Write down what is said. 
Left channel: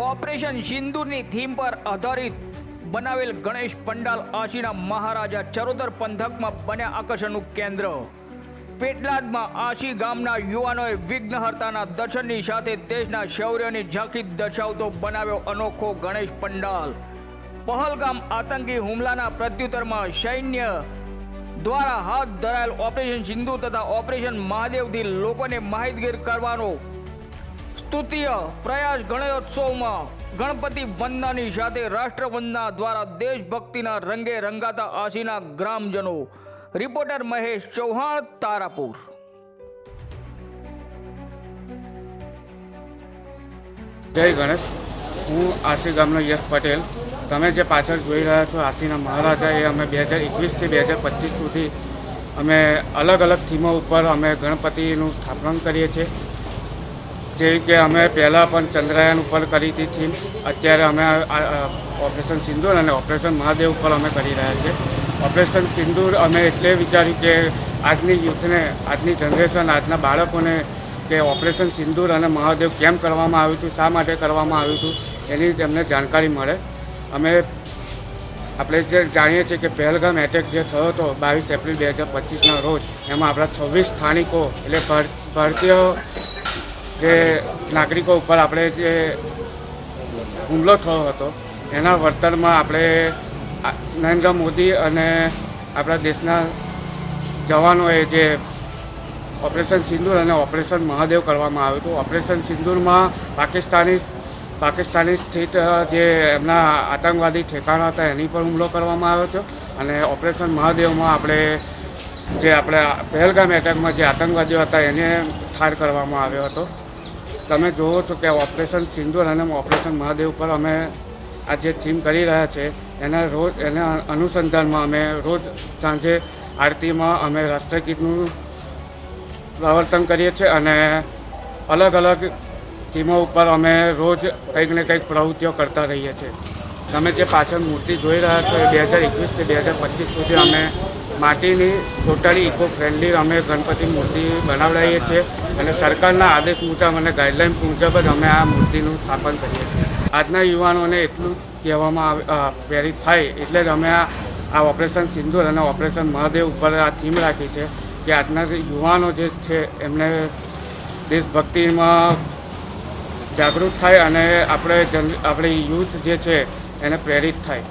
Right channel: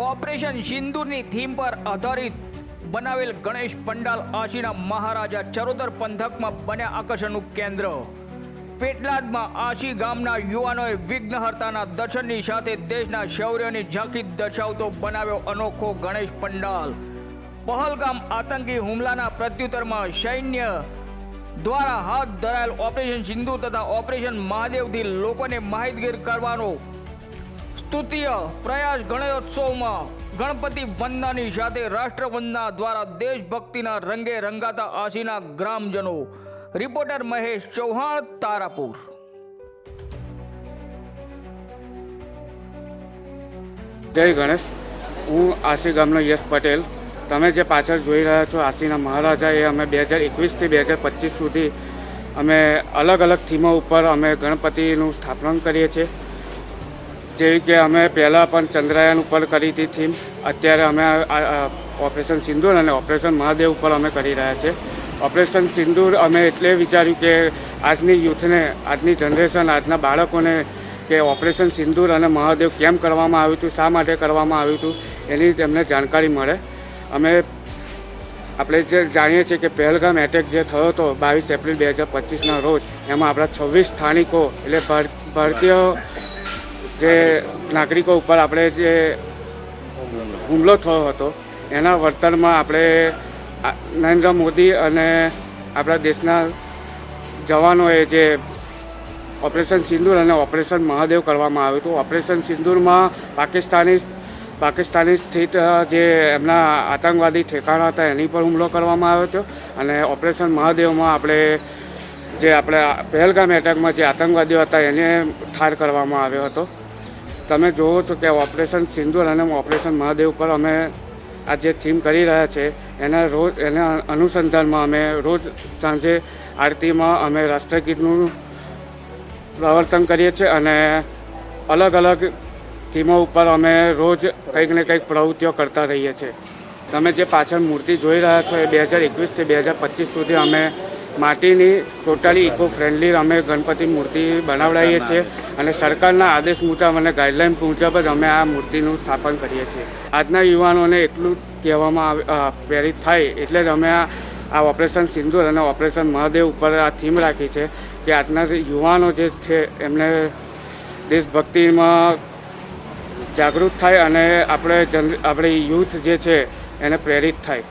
Operation સિંદૂરની theme પર આધારિત બનાવેલ ગણેશ પંડાલ આશીના મહારાજા ચરોતર પંથકમાં બન્યા આકર્ષણનું કેન્દ્ર। પેટલાદમાં આશી ગામના યુવાનોએ વિઘ્નહર્તાના દર્શનની સાથે દેશના શૌર્યની ઝાંખી દર્શાવતો બનાવ્યો અનોખો ગણેશ પંડાલ। પહલગામ આતંકી હુમલાના પ્રત્યુત્તરમાં સૈન્ય દ્વારા હાથ ધરાયેલ ઓપરેશન સિંદૂર તથા ઓપરેશન મહાદેવથી લોકોને માહિતગાર કરવાનો સ્તુત્ય પ્રયાસ ગણેશોત્સવમાં ગણપતિ વંદનાની સાથે રાષ્ટ્રવંદના દ્વારા દેશભક્તિના રંગે રંગાતા આશીના ગ્રામજનો। રિપોર્ટર મહેશ ચૌહાણ, તારાપુર। જય ગણેશ। હું આશી ગામનો યશ પટેલ। તમે જે પાછળ જોઈ રહ્યા છો આશીના મહારાજા, એ અમે 2021થી 2025 સુધી અમે અલગ અલગ થીમો ઉપર અમે ગણપતિનું સ્થાપન કરીએ છીએ। જેવી કે અમે પહેલાં પણ ચંદ્રયાન ઉપર કરી હતી થીમ, અત્યારે અમે ઓપરેશન સિંદૂર અને ઓપરેશન મહાદેવ ઉપર અમે કરી રહ્યા છીએ। ઓપરેશન સિંદૂર અમે એટલે વિચાર્યું કે આજની યુથને, આજની જનરેશન, આજના બાળકોને કે ઓપરેશન સિંદૂર અને મહાદેવ કેમ કરવામાં આવ્યું હતું, શા માટે કરવામાં આવ્યું હતું, એની તેમને જાણકારી મળે। આપણે જે જાણીએ છીએ કે પહેલગામ એટેક જે થયો હતો 22 એપ્રિલ 2025ના રોજ, એમાં આપણા 26 સ્થાનિકો એટલે ભારતીય જે નાગરિકો ઉપર આપણે જે હુમલો થયો હતો એના વળતરમાં આપણે નરેન્દ્ર મોદી અને આપણા દેશના જવાનોએ જે ઓપરેશન સિંદૂર અને ઓપરેશન મહાદેવ કરવામાં આવ્યું હતું। ઓપરેશન સિંદૂરમાં પાકિસ્તાની સ્થિત જે એમના આતંકવાદી ઠેકાણા હતા એની પર હુમલો કરવામાં આવ્યો હતો, અને ઓપરેશન મહાદેવમાં આપણે પહેલગામ એટેકમાં જે આતંકવાદીઓ હતા એને ઠાર કરવામાં આવ્યો હતો। તમે જોવો છો કે ઓપરેશન સિંદૂર અને ઓપરેશન મહાદેવ પર અમે આ જે થીમ કરી રહ્યા છે એના અનુસંધાનમાં અમે રોજ સાંજે આરતીમાં અમે રાષ્ટ્રગીતનું પ્રવર્તન કરીએ છીએ, અને અલગ અલગ થીમો ઉપર અમે રોજ કંઈક ને કંઈક પ્રવૃત્તિઓ કરતા રહીએ છીએ। તમે જે પાછળ મૂર્તિ જોઈ રહ્યા છો 2021થી 2025 સુધી અમે માટીની ટોટલી ઇકો ફ્રેન્ડલી અમે ગણપતિ મૂર્તિ બનાવડાવીએ છીએ, અને સરકારના આદેશ મુજબ અને ગાઈડલાઇન મુજબ જ અમે આ મૂર્તિનું સ્થાપન કરીએ છીએ। આજના યુવાનોને એટલું કહેવામાં પ્રેરિત થાય એટલે જ અમે આ ઓપરેશન સિંદૂર અને ઓપરેશન મહાદેવ ઉપર આ થીમ રાખી છે કે આજના યુવાનો જે છે એમને દેશભક્તિમાં જાગૃત થાય અને આપણે યુથ જે છે એને પ્રેરિત થાય।